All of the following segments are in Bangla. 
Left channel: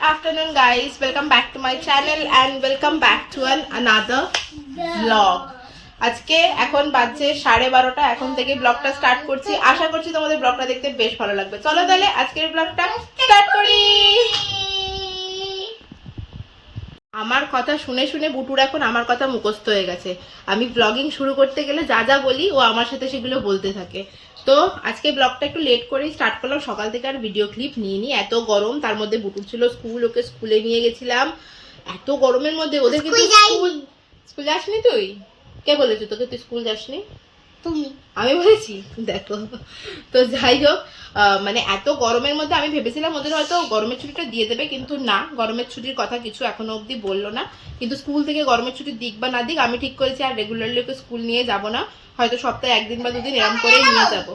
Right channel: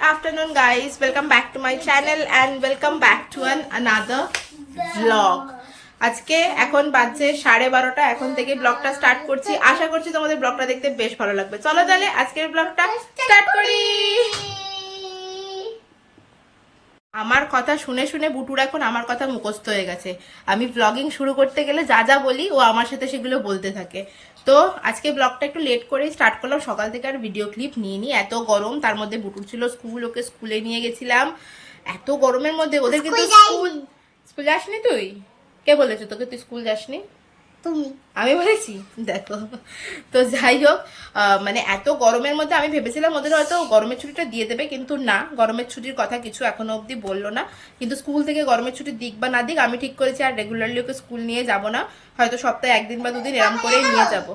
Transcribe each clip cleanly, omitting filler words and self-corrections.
Afternoon guys, welcome back to my channel and welcome back to another vlog. আজকে এখন বাজে 12:30, এখন থেকে ব্লগটা স্টার্ট করছি। আশা করছি তোমাদের ব্লগটা দেখতে বেশ ভালো লাগবে। চলো তাহলে আজকের ব্লগটা স্টার্ট করি। আমার কথা শুনে শুনে বুটুর এখন আমার কথা মুখস্থ হয়ে গেছে। আমি ব্লগিং শুরু করতে গেলে যা যা বলি ও আমার সাথে সেগুলো বলতে থাকে। তো আজকে ব্লগটা একটু লেট করেই স্টার্ট করলাম, সকাল থেকে আর ভিডিও ক্লিপ নিয়ে নি। এত গরম, তার মধ্যে বুটুর ছিল স্কুল, ওকে স্কুলে নিয়ে গেছিলাম। এত গরমের মধ্যে ওদের কিন্তু স্কুল যাসনি তুই? কে বলেছে তোকে তুই স্কুল যাসনি? তুমি। আমি বলেছি? দেখো তো যাই হোক, মানে এত গরমের মধ্যে আমি ভেবেছিলাম ওদের হয়তো গরমের ছুটিটা দিয়ে দেবে, কিন্তু না, গরমের ছুটির কথা কিছু এখনো অবধি বললো না। কিন্তু স্কুল থেকে গরমের ছুটি দিক বা না দিক, আমি ঠিক করেছি আর রেগুলারলি ওকে স্কুল নিয়ে যাব না, হয়তো সপ্তাহে 1 দিন বা 2 দিন এরম করেই নিয়ে যাব।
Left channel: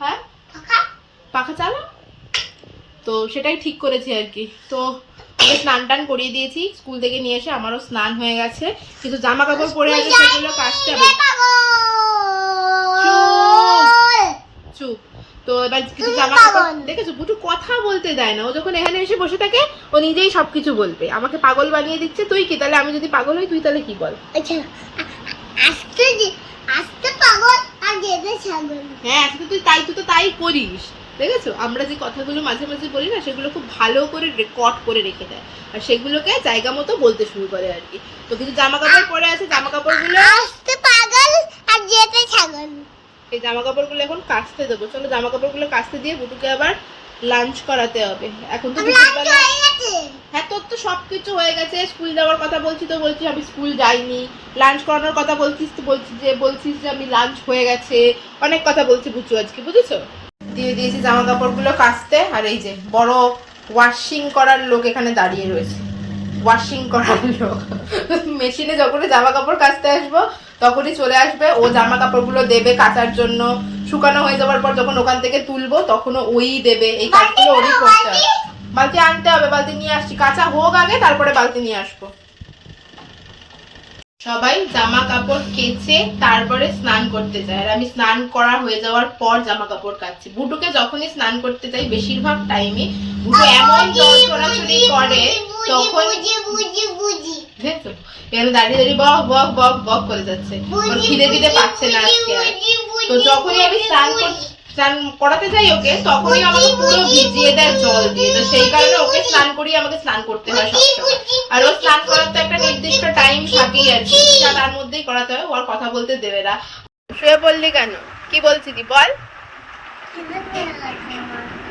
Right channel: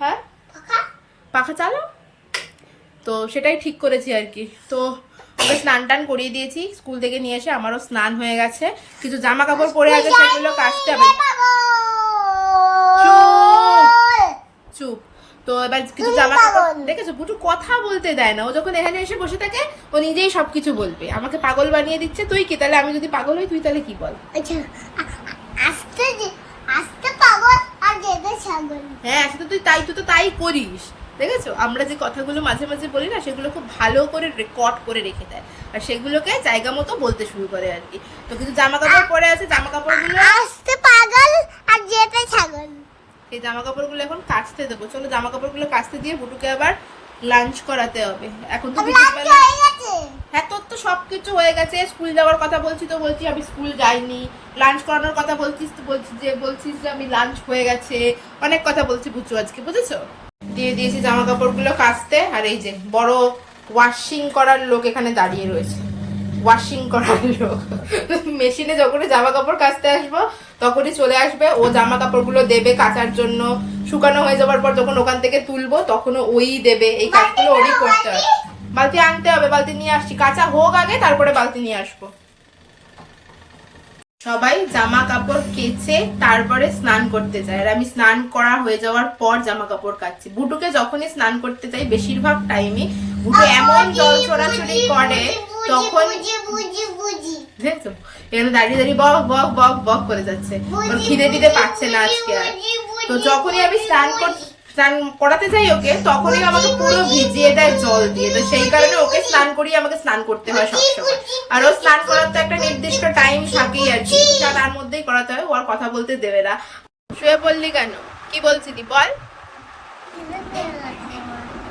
হ্যাঁ, পাখা চালো, তো সেটাই ঠিক করেছি আর কি। তো ওকে স্নান টান করিয়ে দিয়েছি স্কুল থেকে নিয়ে এসে, আমারও স্নান হয়ে গেছে। কিছু জামা কাপড় পরে আছে, সেগুলো কাচতে হবে। চুপ। তো এবার কিছু জামা কাপড় দেখেছো, বুটু কথা বলতে দেয় না। ও যখন এখানে এসে বসে থাকে ও নিজেই সবকিছু বলবে, আমাকে পাগল বানিয়ে দিচ্ছে। তুই কি তাহলে? আমি যদি পাগল হই তুই তাহলে কি বল? হ্যাঁ, তুই তো তাই করিস। দেখেছো, আমরা যে কথাগুলো মাঝে মাঝে বলি না, সেগুলো খুব ভালো করে রেকর্ড করে রেখে দেয়, আর সেগুলোকে জায়গা মতো বলতে শুরু করে আর কি। তো কিছু জামা কাপড় পরে আছে, জামা কাপড়গুলো এই জামা কাপড়গুলো এখন কাচতে দেবো। চলো জামা কাপড়গুলো কাচতে দিয়ে বুটুকে আবার লাঞ্চ করাতে হবে। এখন তো দুপুরবেলা। হ্যাঁ, তোর তো সবকিছু হয়ে গেছে। স্কুল যাওয়ার কথা বলছি তো বলছি আমি স্কুল যাইনি, লাঞ্চ করানোর কথা বলছিস তো বলছিস যে আমি লাঞ্চ হয়ে গেছে। অনেক কথা বলছি বুঝছো আজকে, বুঝেছো? দিয়ে দিয়েছি জামা কাপড়গুলো কাচতে, আর এই যে বড় ওয়াশিং করার লোক এখানে দাঁড়িয়ে রয়েছে। ওয়াশিং করার লোক মেশিনে যখনই জামা কাপড় কাচতে আসবো তখনই চলে আসবে, ও জামা কাপড়গুলো দেবে কাচার জন্য। শুকানো হয়ে যাওয়ার পর যখন ওখান থেকে তুলবো তখনও ওই দেবে। এই কাজগুলো ওরই করতে হবে। বালতি আনতে হবে, বালতি নিয়ে আসছি। কাঁচা হোক আগে, তারপরে বালতি নিয়ে আসবো। সবাই জামা কাপড় কেচে তারপরে স্নান করতে যায়, আর আমি স্নান করা হয়ে যাওয়ার পর জামা কাপড় কাচ্ছি। বুটুকে যখনই স্নান করতে যাই বেশিরভাগ টাইমে বুটু এমন জল চড়াচড়ি করে, তখন দেখছো এখানে দাঁড়িয়ে দাঁড়িয়ে বক বক বক বক করে যাচ্ছে। ওর খিদে দিতে পারছে না আজকে আর। তো যখনই আমি স্নান করাতে যাই ওকে, তখনই আমাকে পুরো ভিজিয়ে দেয় জল দিয়ে। তো সেই কারণে ওকে স্নান করিয়ে আমাকে স্নান করতে হয় সবসময়। আর ও স্নান করার তো একটা নির্দিষ্ট টাইম থাকেই আর কি, তার মধ্যেই করাতে হয়। ও আর কথা বলতে দেবে না। শুয়ে পড়লি কেন? কি বলছিলি বল?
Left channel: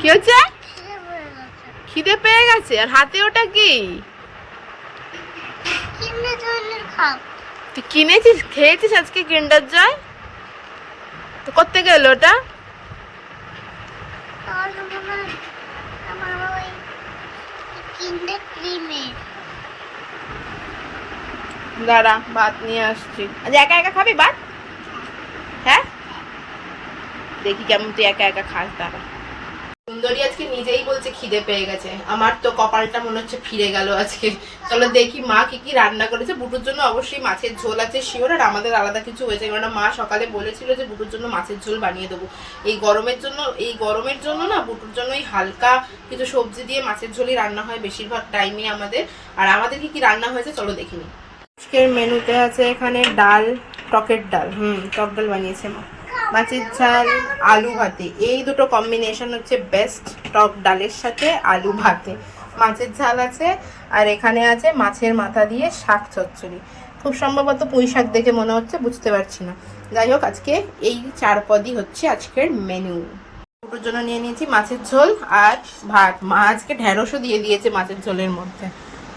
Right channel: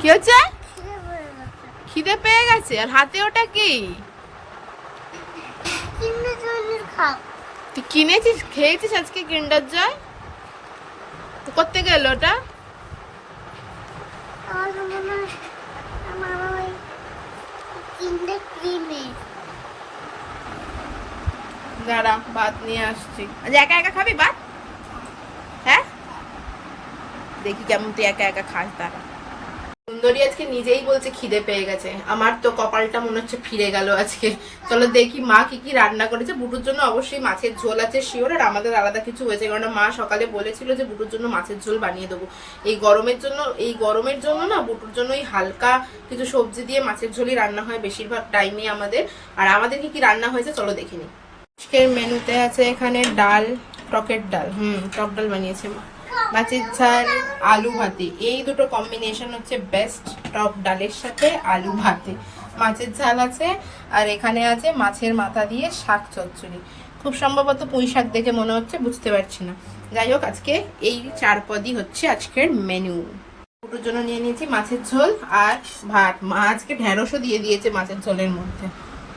কি হচ্ছে? খিদে পেয়ে গেছে। আর হাতে ওটা কি? তুই কিনেছিস, খেয়েছিস আজকে কিন্ডার জয়? তো করতে গেল ওটা? দাঁড়া, ভাত নিয়ে আসছি। আজ একা একা খাবি ভাত? হ্যাঁ, দেখি কেমন তুই একা একা খাস। দাঁড়া। সুন্দরী আজকে নিজেই বলছে খিদে পেয়ে গেছে। আমার তো কপালটা মনে হচ্ছে ফিরে গেল আজকে। চলো দেখি মা কি কি রান্না করেছে। বুটুর জন্য অবশ্যই মাছের ঝোল আছে শিওর, আর আমাদের আলাদা কিছু হয়েছে, কারণ মা সকালে বলেছিল যে বুটুর জন্য মাছের ঝোল বানিয়ে দেবো। এই গরমের জন্য না, বুটুর জন্য এই হালকা কিছু সবজি দিয়ে মাছের ঝোলই রান্না হয় বেশিরভাগ টাইমে আমাদের। আর আমাদের কি কি রান্না হয়েছে চলো দেখিনি। আজকের মেনুতে আছে এখানে ডাল, টকের ডাল, টক ডাল বানিয়েছে মা, মাছের ঝাল, আলু ভাতে। এই দুটো কম্বিনেশন হচ্ছে বেস্ট, টক ডালের সাথে আলু ভাতে। মাছের ঝাল আছে, আর এখানে আছে মাছের মাথা দিয়ে শাক চচ্চড়ি। খুব সম্ভবত পুঁই শাক দেখে মনে হচ্ছে, বুঝতে পারছি না। যাই হোক, আজকে এই 4 পদই হচ্ছে আজকের মেনু। দুটোর জন্য নিয়ে নিয়েছি মাছের ঝোল আর ভাত। মা আজকে ঢেঁড়সও দিয়ে দিয়েছে মাছের ঝোলের মধ্যে।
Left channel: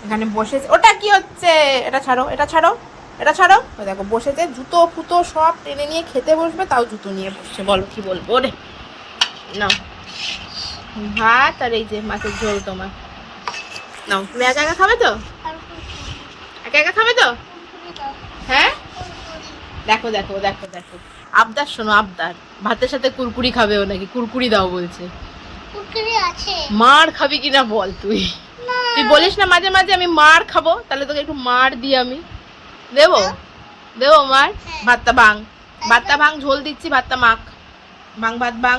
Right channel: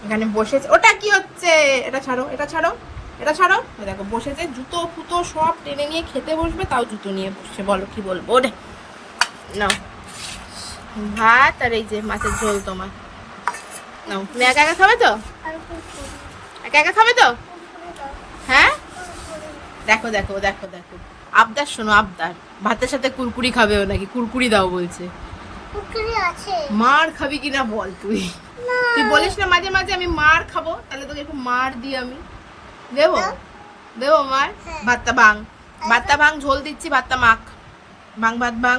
এখানে বসেছে। ওটা কি হচ্ছে? এটা ছাড়ো, এটা ছাড়ো, এটা ছাড়ো। ওই দেখো বসেছে, জুতো ফুতো সব টেনে নিয়ে খেতে বসবে, তাও জুতো নিয়ে বসছে। বলো কি বলবো রে। নাও ভাত, আর এই যে মাছের ঝোল তোমার। নাও, তুমি একা একা খাবে তো? একা একা খাবে তো? হ্যাঁ, দেখো দেখো দেখো দেখো, আবদার শোনো, আবদার। ভাতের সাথে কুরকুরি খাবে ও নাকি, কুরকুরি দাও বলছে। মার খাবি কিনা বল তুই? তুই বলিস না মাঝে মাঝে আমি মার খাবো, তাহলে তোকে একটু মার দিই আমি। দেবো দেবো মার। ভাতটা ভাঙ, ঝোল দিচ্ছি, ভাতটা মাখ। ভাত ভাঙ,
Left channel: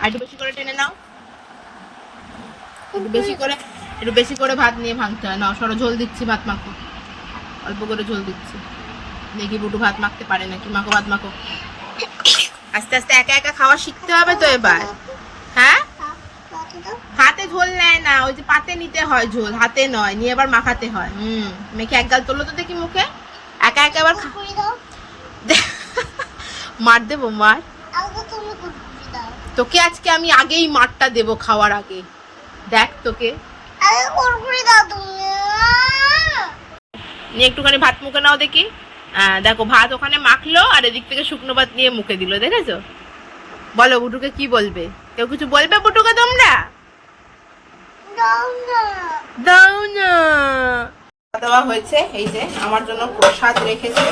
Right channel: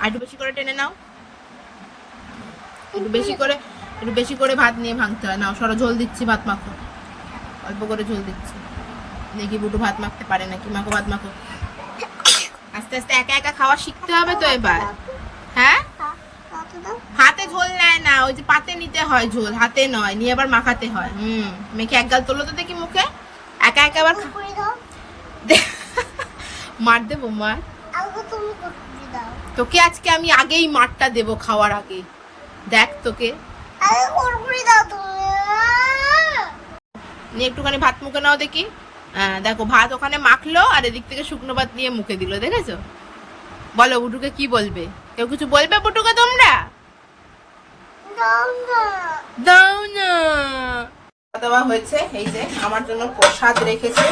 আর একটু বেশি করে টেনে নাও, একটু বেশি করে। একটু বেশি করে ভাত নিয়ে ভাঙতে হয় না, সরো ঝোল দিচ্ছি, ভাত মাখো, অল্প করে ঝোল দিচ্ছি। দেখি বুটু ভাত মাখতে পারে নাকি, মাখো ভাত মাখো। আস্তে আস্তে একা একা খাওয়া শিখতে হবে তো এবার। হ্যাঁ, হাতে ঝোল নেয় না, ওই যে পাতে নিতে হয় ঝোল, হাতে নয়, নিয়ে আবার মাখাতে হয়। মেখে এক গাল তোলো তো দেখি মুখে, একা একা আবার মার দেবো, মার তোকে আজকে আমি আগেই মারটা দেবো খাওয়ার আগে, দেখ তোকে নিয়ে একটুখানি ভাত মুখে নাও দেখি। দেখো ভাত ওখানে মাখলো আর এদিক থেকে শুকনো ভাত নিয়ে মুখে দিল, দেখেছো? বলো বুটুকে কি বলবে? কেউ কিছু বলবে বুটুকে তোমরা? দাও না। খাওয়া দাওয়া হয়েছে, এই যে আমার জন্য প্রসাদ রেখেছে,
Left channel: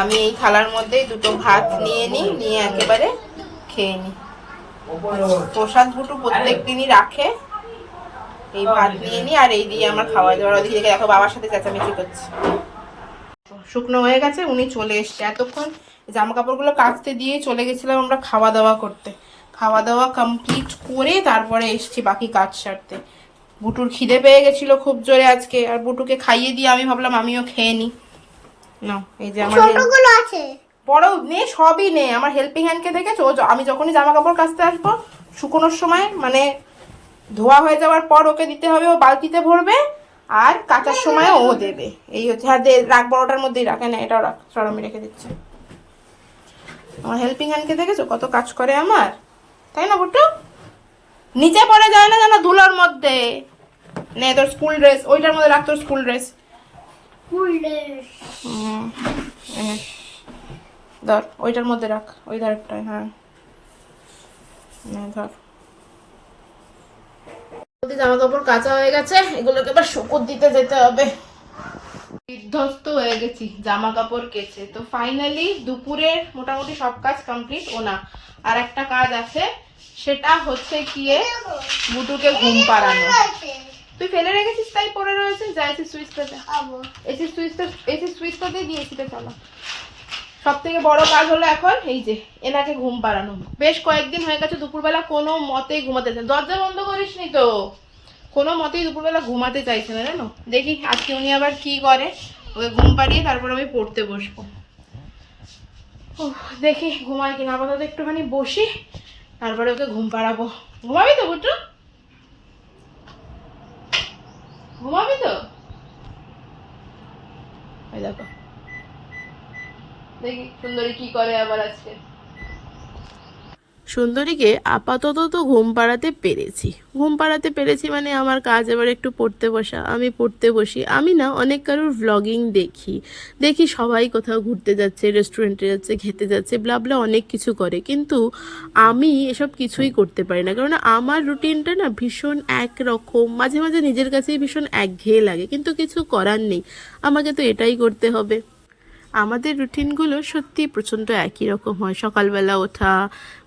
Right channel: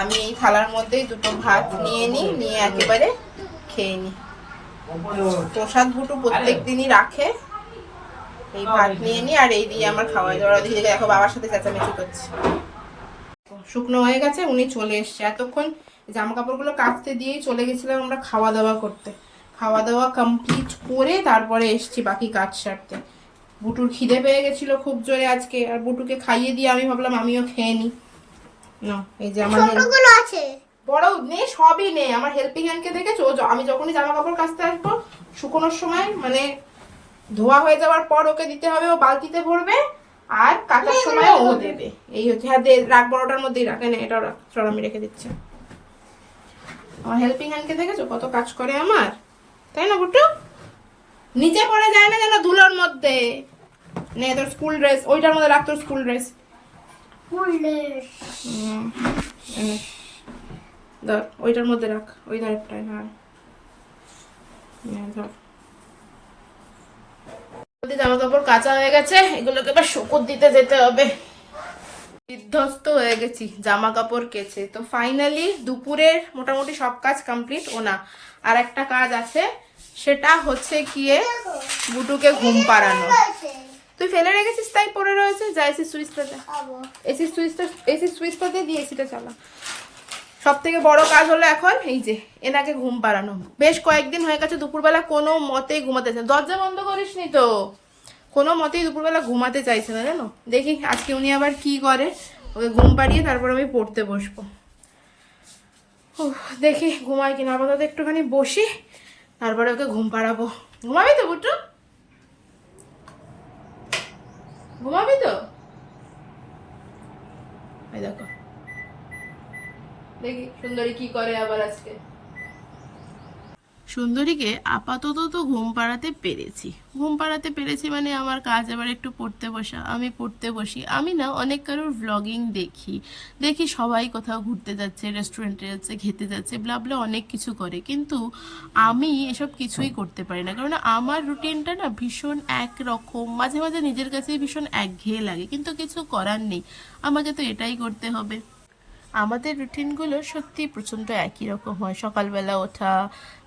আমি এই থালার মধ্যেই দুটো ভাত নিয়ে নিই, নিয়ে একেবারে খেয়ে নিই। প্রসাদ বুটু প্রত্যেক দিনই রাখে, এই ভাত নিয়ে নিই আর এই দিয়ে আমার খাওয়া দাওয়া। ওদিকে দেখো বাবার সাথে চেঁচামেচি করছে। শুকনো হয়ে গেছে, উনি চলে এসছে। এতক্ষণ জামা কাপড়গুলো কাচতে দিয়ে চলে গেছিলাম আমরা খাওয়া দাওয়া করতে। খাওয়া দাওয়া কমপ্লিট করে তারপরে এসছি বাকি কাজ সারতে। বুটুর খিদে পেয়ে গেছিল খুব জোরে আজকে, আর বুটুকে খাইয়ে দিয়ে আমি ভাবলাম আমিও খেয়ে নিই। না এই যে আমার আছে, বড় নে, সবই নে। আমার হেল্পিং হ্যান্ডকে দেখেছো, আমি যখনই জামা কাপড় কাচতে আসবো শুকোনোর সময়, মানে ধোয়া হয়ে যাওয়ার পর ওকে দিতে হবে, ও বালতিতে ভরবে, আর কাচার সময় ও দেবে। এই হচ্ছে। হ্যাঁ দে, রাখ, বড়টার মধ্যেই রাখ, না এটাও রাখ, সর আমি রেখে দিচ্ছি। আমার হেল্পিং হ্যান্ডকে দেখেছো কত কাজ করে আমার, তাই না বুটু? নিচে পড়ে যায় না যেন ধুলোর মধ্যে। নে তোর স্কুল ড্রেস ওইটার মধ্যে রাখ, তোর স্কুল ড্রেস। ধর ওইটার মধ্যে রাখ, ওই ধারটায়। হ্যাঁ ধর। জামা কাপড় কাঁচা হয়ে গেছে, এগুলোকে এবার শুকোতে দিতে যেতে হবে। বিধ্বস্ত হয়ে গেছি জামা কাপড় কেচে। তো ফাইনালি দুপুরের মোটামুটি সব কাজ কমপ্লিট। ও না, আর একটা কাজ আছে, সেটা হচ্ছে গিয়ে বুটুকে ঘুম পাড়ানো। তুই ফেলে রেখেছিস তাই পড়ে রয়েছে, যা এসি সুইচটা, এসি সুইচটা দিয়ে এসিটা চালা। সব থেকে বড় কাজ হলো এখন এই যে এনাকে ঘুম পাড়ানো। বেশ কয়েকদিন হয়ে গেছে দুপুরবেলা কোনো মতেই ঘুমাতে চায়, দরজা বন্ধ করিস নি তো, কোনো মতেই দুপুরবেলা ঘুমাতে চাইছে না জানো। দেখি আজকে উনি আবার কি করে, ওকে ঘুম পাড়িয়ে তারপর আমি পড়তে বসবো। দেখি ঘুমায় কিনা, আপাতত একটুখানি বসি, তারপরে ওকে ঘুম পাড়াবো। ঘুমাবি তো বুটু? ঘুমাবি তো? দেখো দেখি সুন্দরী কি করে আবার আজকে। সুন্দরীকে আপাতত তো ঘুম পাড়াতে পেরেছি মানে আমার কাজ এবার একটু পড়তে বসা। আমি পড়তে বসি, আমি না অনেক কারোর ভ্লগিং দেখি সবাই কোথাও ঘুরতে যাচ্ছে, রেস্টুরেন্টে যাচ্ছে, খেতে যাচ্ছে, ব্লা অনেক কিছু করে, কিন্তু আমি এসব কিছুই করতে পারি না, কারণ আমার রুটিনটা না ভীষণ একরকম, মাঝে মাঝে নিজের কাছেই ভীষণ একঘেয়ে লাগে, কিন্তু কিছু করার নেই, আমাকে তো এটাই করতে হবে। আমাদের রুটিনগুলো সত্যি প্রচণ্ড একই রকম হয়। সকালবেলা ওঠা,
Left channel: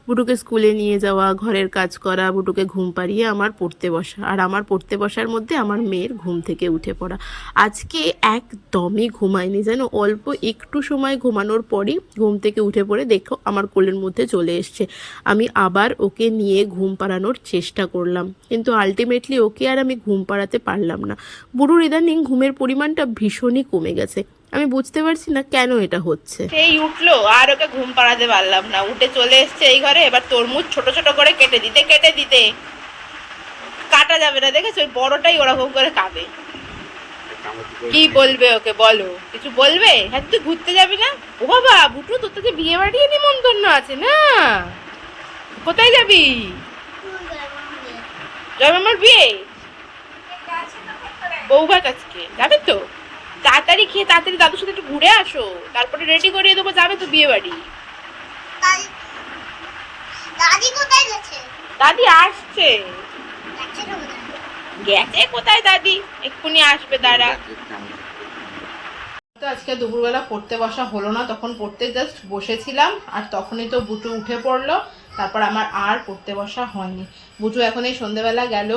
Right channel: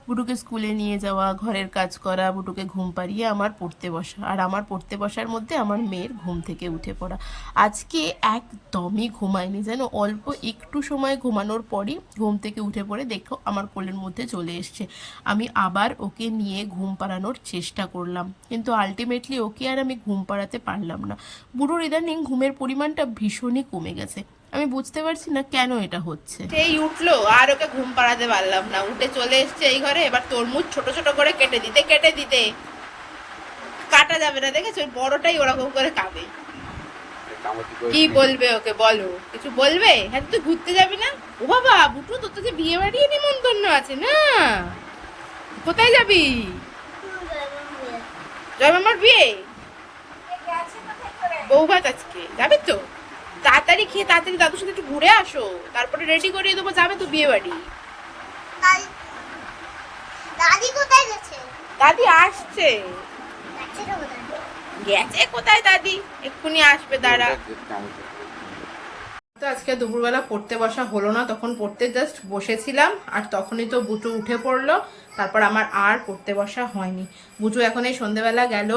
বুটুকে স্কুলে নিয়ে যাওয়া, ঘরের কাজ করা, বুটুকে ঘুম পাড়িয়ে আমার পড়তে বসা, আর আমার পড়তে বসার মধ্যে আমার মেয়ের ঘুম থেকে উঠে পড়া। আজকে একদমই ঘুমায়নি যেন, অল্প একটু সময় ঘুমানোর পরই ঘুম থেকে উঠে পড়ে দেখো আমার কোলের মধ্যে চলে এসছে। আমি আবার ওকে নিয়ে ঘুম পাড়ানোর চেষ্টা করলাম, কিন্তু আলটিমেটলি ওকে আর আমি ঘুম পাড়াতে পারলাম না। বুড়োর ইদানিং ঘুমের পরিমাণটা ভীষণই কমে গেছে, আমি বুঝতে পারছি না কেন এটা হচ্ছে। সেই উঠলো আর ওকে ঘুম পাড়াতে পারলাম না, উঠে চলে এসছে এই ঘরে। এবার তরমুজ ছোট ছোট করে কেটে দিতে কাটা যাবে না, দেখেছো বড়টাই ওরকম করে খাবে। কি বলবে ওকে বলো, কিছু বলবে? হ্যাঁ তুই ঘুরতে যাবি না? ও বাবা বুটু, তোর তো যে বিয়ে বাড়ি নিমন্ত্রণ আছে না, কোথায় যাবি? জয়মামার বিয়ে, বউ ভাত আজকে যাবে তো? তাড়াতাড়ি খেয়ে তাড়াতাড়ি দাদুর সাথে একটু ঘুরে আসো, তারপরে রেডি করিয়ে দেবো, যাবে তো বিয়ে বাড়ি। দাদি কোথায় গেছে? দাদি আসছে। গেছে কোথায় দাদি, এক্ষুনি আসবে, দাঁড়া। তো আজকে দুপুরবেলা পড়তে বসা হলো না, তখন পড়তে জাস্ট বসেছিলাম আর তখনই তো বুটু উঠে পড়লো, তারপর আমার আর পড়তে বসা হয়নি। বুটু এখন এই সন্ধ্যেবেলা গেল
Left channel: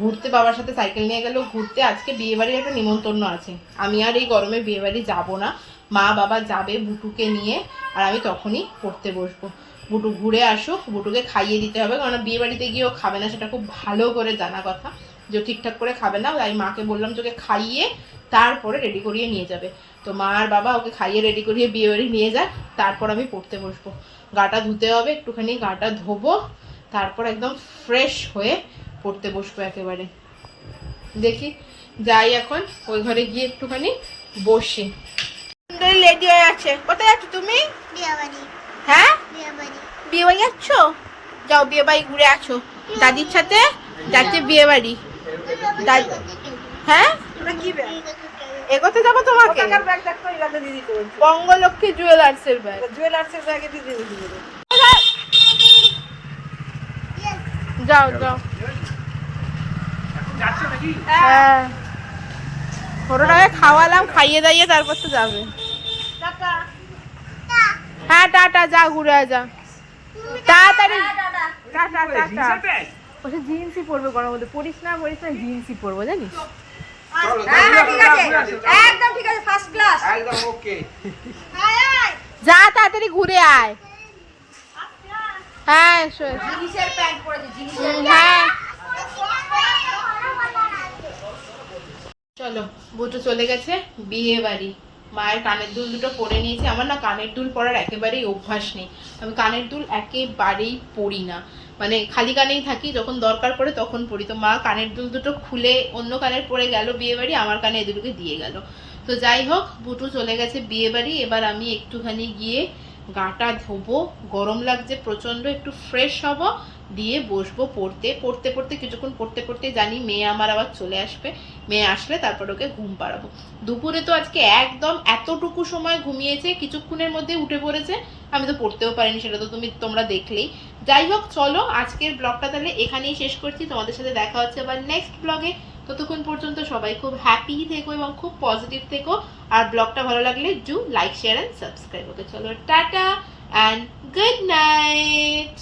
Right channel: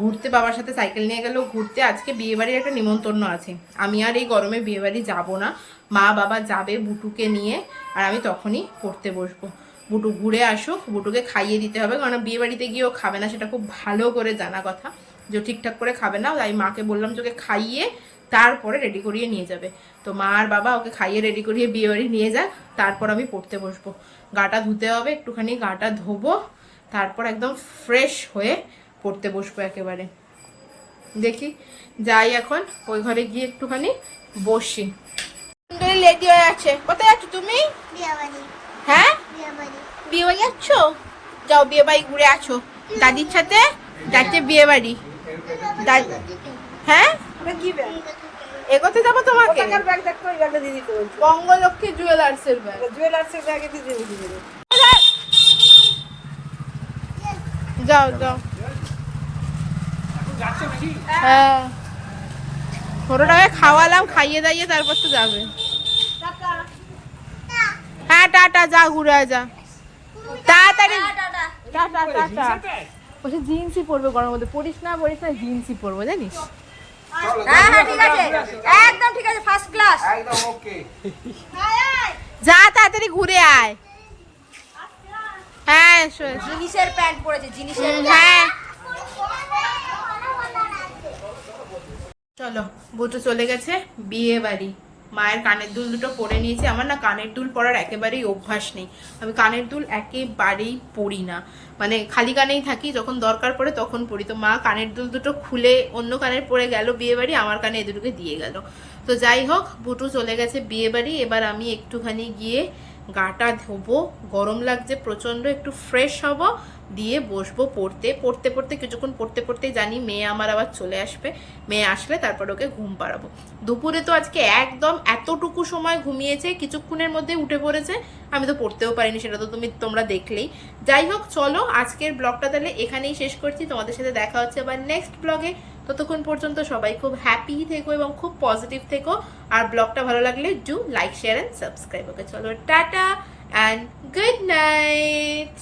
ঘুরতে, বাবার সাথে সাইকেল নিয়ে গেল ঘুরতে। আজকে বিয়েবাড়ির একটা নিমন্ত্রণ আছে, আমি আর এই গরমে বিয়েবাড়ি যাব না, মা বাবা যাবে বুটুকে নিয়ে, আর আমি তখনই পড়তে বসবো। বুটু ঘুরে আসুক, বুটুকে খাইয়ে দিতে হবে, কারণ বিয়েবাড়িতে গিয়েও খাবে না, সেটা খুব ভালো করে জানা কথা। যে ঠিকঠাক করে খাবে না, তাই মাকে বললাম যে ওকে খাইয়ে তারপরে রেডি করিয়ে নিয়ে যাবে। তো মা আর বাবা ওকে খাইয়ে রেডি করিয়ে বিয়ে বাড়ি নিয়ে যাক, তারপর আমি পড়তে বসবো। গাটা ধুতে হবে, একটুখানি গাটা ধোবো, তারপর একদম ফ্রেশ হয়ে পড়তে বসবো একেবারে। দেখি যাই এখন ওই ঘরে গিয়ে একটুখানি বসি। রেডি হয়ে আছে। কোথায় যাচ্ছ তুমি? বিয়ে বাড়ি। হ্যাঁ, বিয়ে বাড়ি। বিয়ে বাড়ি যাচ্ছ? যাও বিয়ে বাড়ি ঘুরে আছো দাদির সাথে। যাচ্ছে বিয়ে বাড়ি দাদি। হ্যাঁ, এগোতে যাবো তোমাকে। বঙ্গলক্ষ্মী জুয়েলার্সের ব্যাগ। যাও যাও। হ্যাঁ, ছোটটাকে খাওয়ালাম, খাইয়ে দাইয়ে তারপর তো যাবে। হ্যাঁ টাটা, যা ঘুরে আয়, যা তাড়াতাড়ি। Tata tata. বলছে জিন্সই পরবে গরমের মধ্যে, পরিস না জিন্সই পরবো জানিস। একদম ঠিক আছে, ফার্স্ট ক্লাস, একদম ওকে। যা তাড়াতাড়ি ঘুরে আয়। হ্যাঁ জিনিসের প্যান্ট পরেছে, জিনিসের হ্যাঁ চলো। বুটু চলে গেছে বিয়ে বাড়ি। মায়ের কানের দুল দুটো পরে নিয়েছে। আমার না কানের দুল পরার একেবারেই অভ্যাস নেই। আমি কানের দুল একেবারেই পরি না, মানে খালি কানেই থাকি, যখন দরকার পড়ে তখন পরি। তো মা কানের দুল দুটো খুলে অন্য কানের পরে গেল বিয়ে বাড়ি, আমার কানে এ দুটোকে দিয়ে গেল। তো যাই হোক, বুটু চলে গেছে বিয়ে বাড়ি। এবার আমি একটুখানি গিয়ে গাটা ধোবো, গরম লাগছে প্রচণ্ড, একটু ফ্রেশ হব, দিয়ে বসবো পড়তে। পড়তে পড়তে কিছুক্ষণ পড়তে পড়তেই জানি মেয়ে আমার আবার চলে আসবে। মেয়ে আসলে তারপর ওকে ঘুম পাড়াবো। দুপুরে তো আজকে একদম এতটুকু সময় ঘুমিয়েছে, কিছুক্ষণের মধ্যে উঠে পড়েছে। আমি তো পড়তেও পারিনি, সেটা তো তোমরা দেখলেই। যাই হোক, চলো আজকের ব্লগটা তাহলে এখানেই শেষ করছি। তোমাদের সাথে দেখা হচ্ছে আবার নেক্সট ব্লগে। ততক্ষণ পর্যন্ত সবাই খুব হ্যাপি থেকো এবং খুব পজিটিভ থেকো। আর ব্লগটা ভালো লাগলে do like, share and subscribe. Okay চলো, টাটা অ্যান্ড গুড নাইট।